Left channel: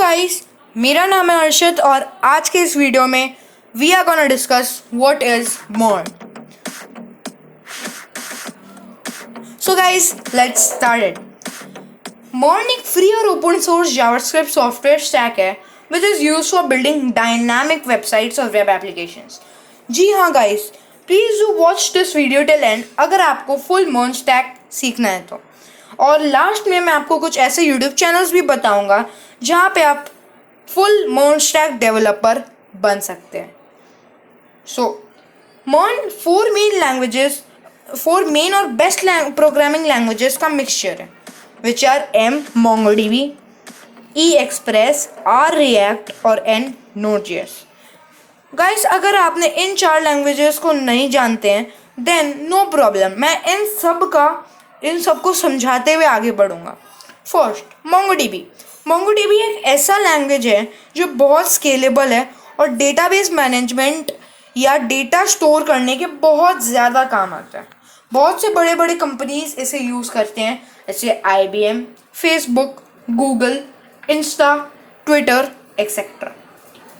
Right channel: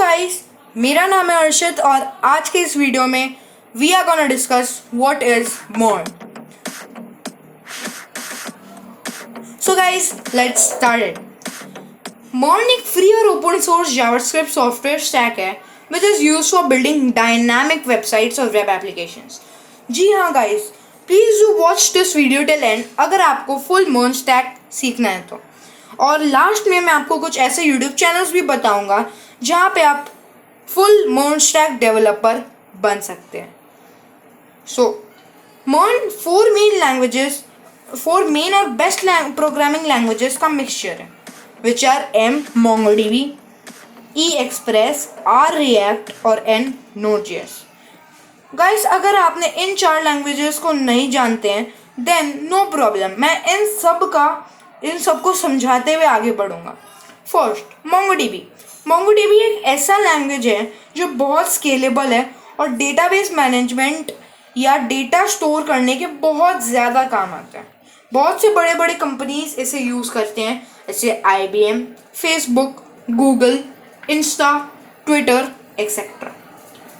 Guys, मेरा नाम है अर्षित और आज के इस वीडियो में we are gonna discuss what is MERN। So guys, let's start it. MERN एक फ्री और open source JavaScript software stack है which is used for building dynamic websites और वेब एप्लीकेशंस। जी हाँ guys, please do watch this video till end अगर आपको full MERN stack सीखना है तो। और लास्ट में मैं आपको कुछ ऐसे यूट्यूब चैनल्स भी बताऊंगा जहाँ पे आप फुल MERN स्टैक डेवलपर बन सकते हैं। सो MERN फोर मेन और बेस्ट प्रोग्रामिंग लैंग्वेजेस का मिक्सचर है which are M MongoDB, E Express, R React और N Node.js। गाइस, अगर आपने इन 4 लैंग्वेजेस को नहीं जानते हैं देन नो प्रॉब्लम, मैं इन सब को समझाते हुए आगे बढ़ूंगा। फर्स्ट, MongoDB एक ऐसा लैंग्वेज है जो बहुत स्केलेबल है और डेटाबेस मैनेजमेंट या डेटा स्टोर करने के बहुत ज़्यादा काम आता है। बहुत से बड़े बड़े कंपनीज इसे यूज़ करते हैं जैसे IBM, Facebook, Google, Insta, Twitter etcetera.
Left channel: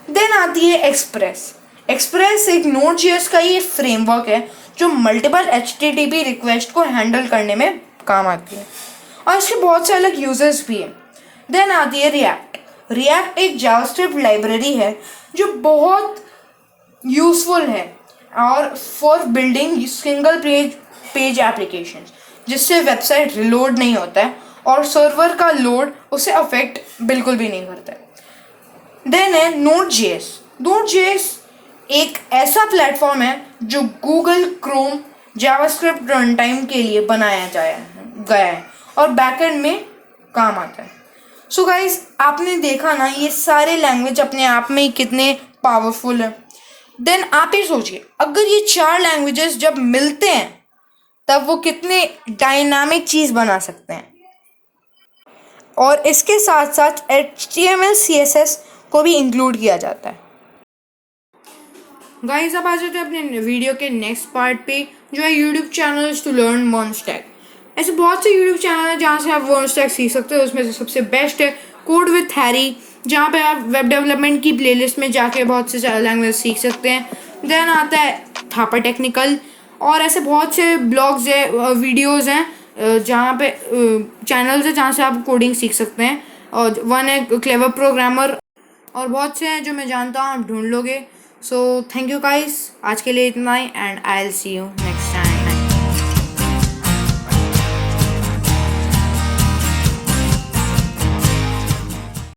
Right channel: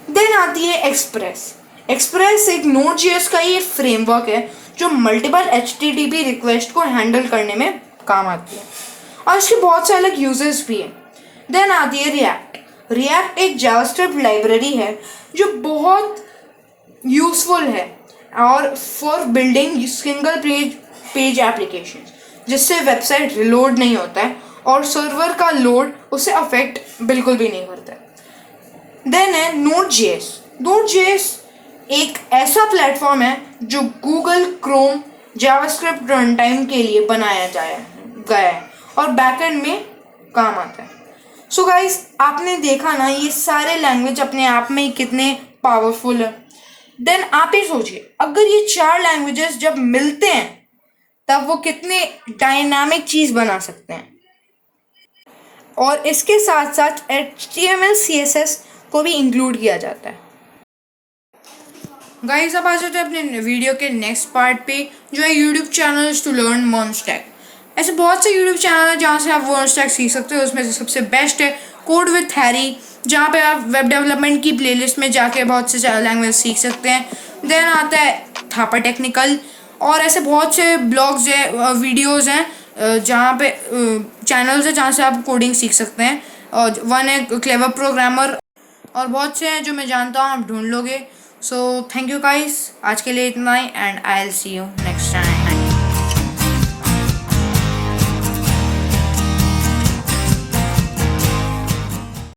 Then आती है एक्सप्रेस एक Node.js का ही फ्रेमवर्क है जो मल्टीपल HTTP रिक्वेस्ट को हैंडल करने में काम आती है और इसके बहुत से अलग यूजेस भी हैं। देन आती है रिएक्ट एक जावास्क्रिप्ट लाइब्रेरी है जो बहुत यूजफुल है और for building single page application जिससे वेबसाइट रिलोड नहीं होता है और सर्वर का लोड उसे अफेक्ट बिल्कुल भी नहीं करता है। देन है Node.js एक ऐसा प्लेटफॉर्म है जो Google Chrome JavaScript run time के लिए बनाया गया है और बैकएंड में काम आता है। सो गाइस, आपने देखा ना ये सारे लैंग्वेज अपने आप में ही कितने पावरफुल है। देन आप ही सोचिए, अगर ये 4 लैंग्वेजेस जब मिलते हैं तब वो कितने डायनामिक चीज़ बना सकते हैं। और इसके साथ साथ HTML CSS को भी इंक्लूड किया जाता है। गाइस, अब आ जाते हैं अपने वीडियो के नेक्स्ट पार्ट पे जो है YouTube channels to learn MERN stack. ऐसे बहुत से यूट्यूब चैनल हैं जहाँ से आप MERN स्टैक सीख सकते हो। उसमें से सबसे बेस्ट है कोड विथ हैरी, जहाँ पे आप वेब डेवलपमेंट की प्लेलिस्ट में जाके बहुत से लैंग्वेज सीख सकते हैं। देन आता है थापा टेक्निकल और ऐसे बहुत से ब्लॉग्स है, वीडियोज़ हैं जहाँ पे चैनल्स है जहाँ से आप कोडिंग सीख सकते हैं। और वन है क्लेवर प्रोग्रामर और बहुत से हैं जो मैं जानता हूँ, आप ढूंढ लोगे। सो थैंक यू गाइस, आज के लिए इतना ही and I will see you next.